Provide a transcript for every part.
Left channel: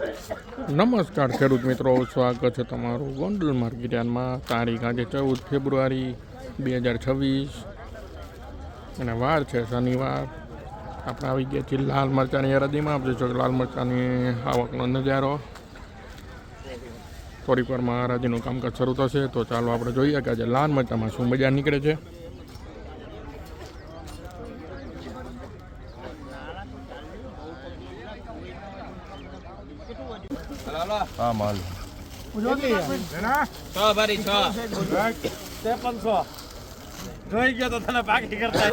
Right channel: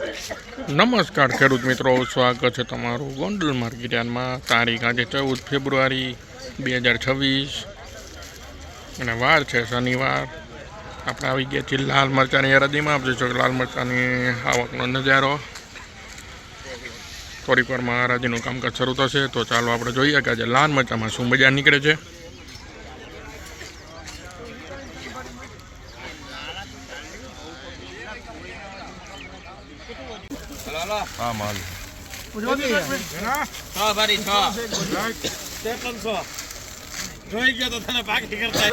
નમસ્કાર ખેડૂત મિત્રો, સ્વાગત છે તમારું ગોંડલ માર્કેટયાર્ડમાં। તારીખ આજે 14 ફેબ્રુઆરી 2026 અને વાર છે શનિવાર। આપણે આવી ગયા છીએ લાલ મરચાંની હરાજીમાં। આપ જોઈ શકો લાલ મરચાંની આવકનો નજારો। થોડીક વારમાં હરાજીનું કામકાજ શરૂ થશે, તો ચાલો આપણે જોઈએ કે આજે લાલ મરચાંમાં શું બજાર નીકળે છે। हाँ माल જોઈ ગયો તો તને બાકી કરતા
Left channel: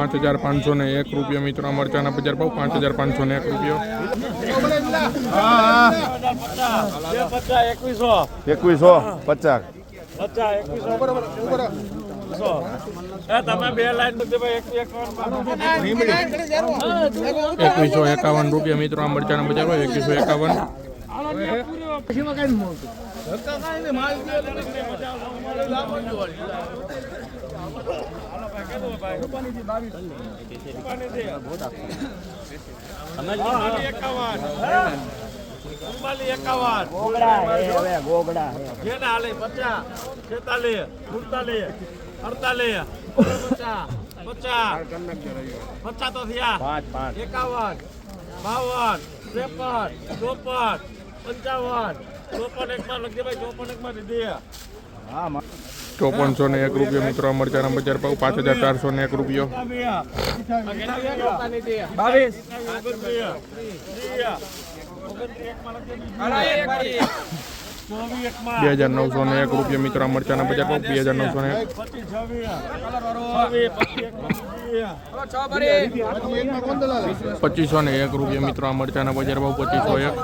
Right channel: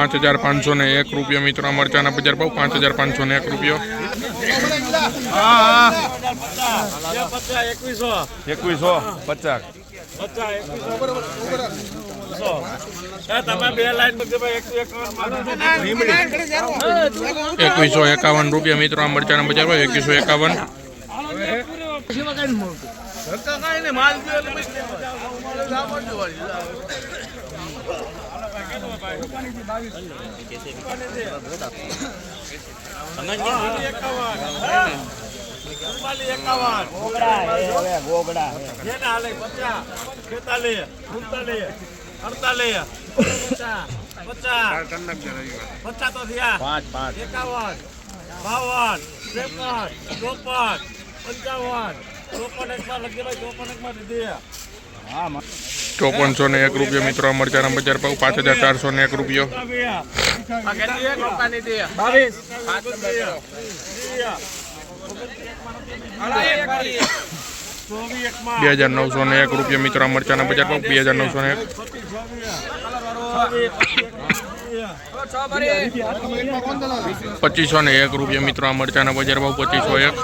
55,501 રૂપિયા મિત્રો। મરચાના બજાર ભાવ 5,501 રૂપિયા। 2150 તમે બે લાઈન 2151 રૂપિયા મિત્રો। મરચાના બજાર ભાવ 2151। ગોગડા 50 46 47 48 50 તો થયા 51 ₹5401 રૂપિયા મિત્રો। મરચાના બજાર ભાવ 5,401 રૂપિયા। 2,901 રૂપિયા મિત્રો। મરચાના બજાર ભાવ 2,901। 2,501 રૂપિયા મિત્રો। મરચાના બજાર ભાવ 2,501।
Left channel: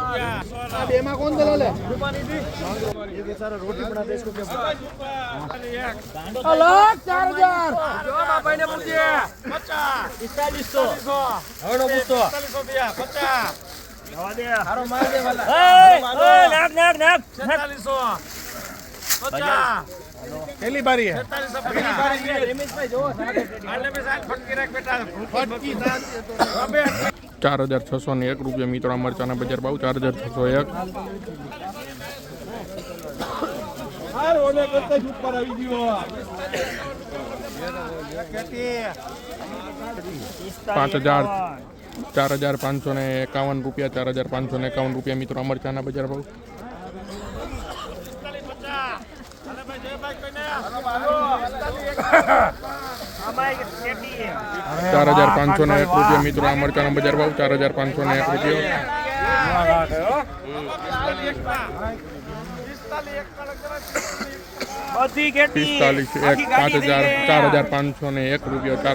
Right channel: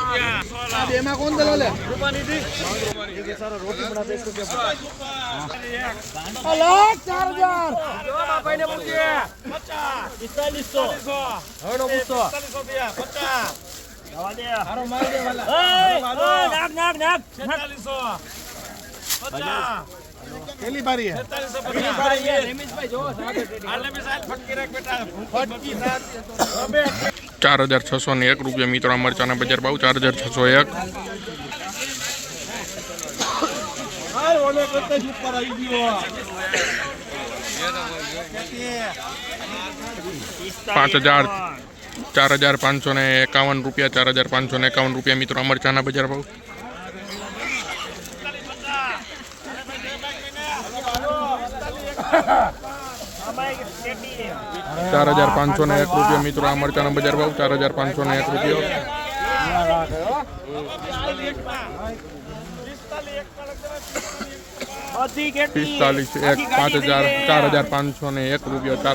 4,601 રૂપિયા મિત્રો। મરચાના બજાર ભાવ 4,601। 4,551 રૂપિયા। 4,551 રૂપિયા મિત્રો। મરચાના બજાર ભાવ 4,501 રૂપિયા મિત્રો। મરચાના બજાર ભાવ 4,501 રૂપિયા। 4,501 રૂપિયા।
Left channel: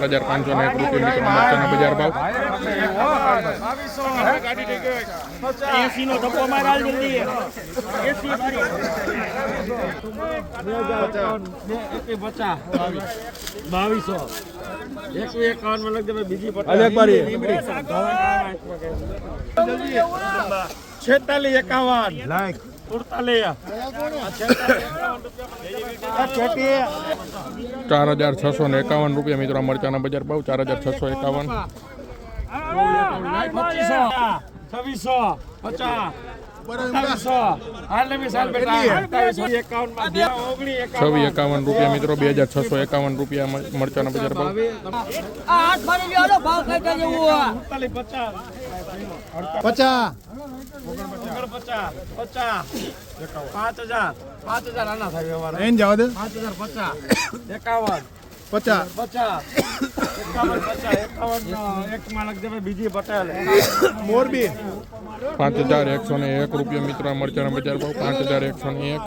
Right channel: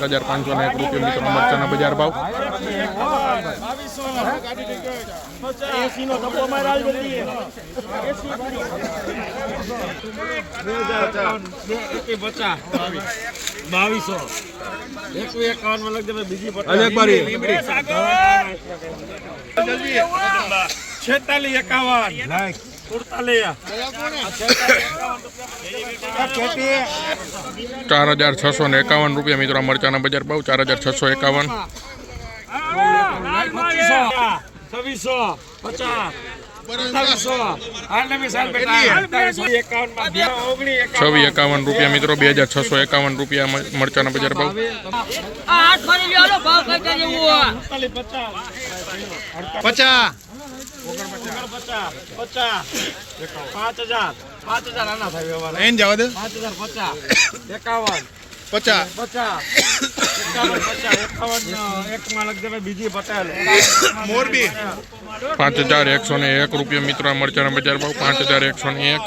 4,501 રૂપિયા મિત્રો। મરચાના બજાર ભાવ 4,651 રૂપિયા મિત્રો। મરચાના બજાર ભાવ 4,651। 651 રૂપિયા મિત્રો। 2,651 રૂપિયા મરચાના બજાર ભાવ। 5,000 આના થાય વ્યવહાર 5,101 રૂપિયા મિત્રો। મરચાના બજાર ભાવ 5,101।